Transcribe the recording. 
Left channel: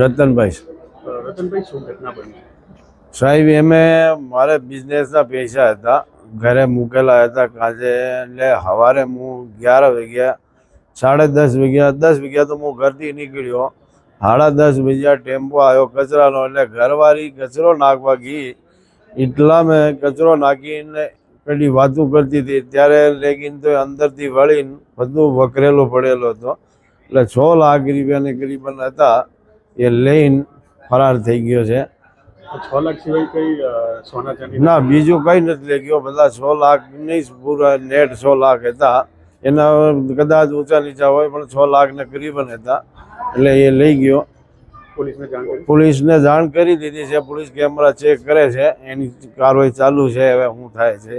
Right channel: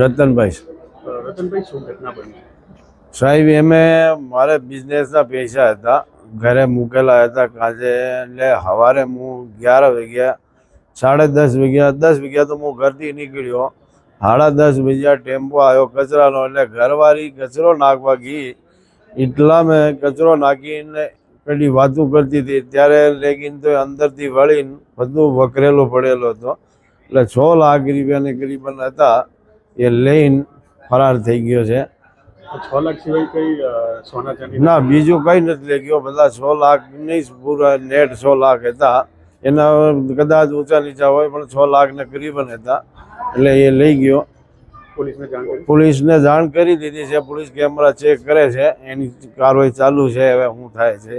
રતનભાઈ. રતનભાઈ, શું ઘટના બની? સાહેબ, એમે મારે બિઝનેસના પૈસા હતા, ઘરે મૂકેલા હતા કાજે. એટલે સવારે હું 11 વાગ્યા, 10:30 વાગ્યા, 10 વાગ્યા તો હું ઘરથી નીકળ્યો. 10:30 વાગ્યા ટેમ્પો આવ્યો કચરાનો. એટલે ઘરવાળી કચરો નાખવા ગઈ, એટલા મેં કચરો નાખીને પેલી વાતું કરતી હતી ત્યારે લેકિન તો અંદરથી વળીને બધું વકરેલો પડેલો હતો. એટલે 6 લાખ રૂપિયાની કરીબન હતા, એ લઈને ફરાર થઈ ગયો છે. 6 લાખ સિવાય કઈ સોના ચાંદી? ના, બીજું કંઈ નથી લઈ ગયો. બધા 6 લાખ નહીં, પૂરા નેટ 6 લાખ હતા. એના કદાચ ઊંચા નીચા હોય, પણ 6 લાખને કરીબન હતા. એટલે એ લઈ ગયો. પોલીસને જાણ કરી દીધી છે. પોલીસ કેમેરા ચેક કરે છે, એની કાર્યવાહી ચાલુ છે. હવે શું થાય છે.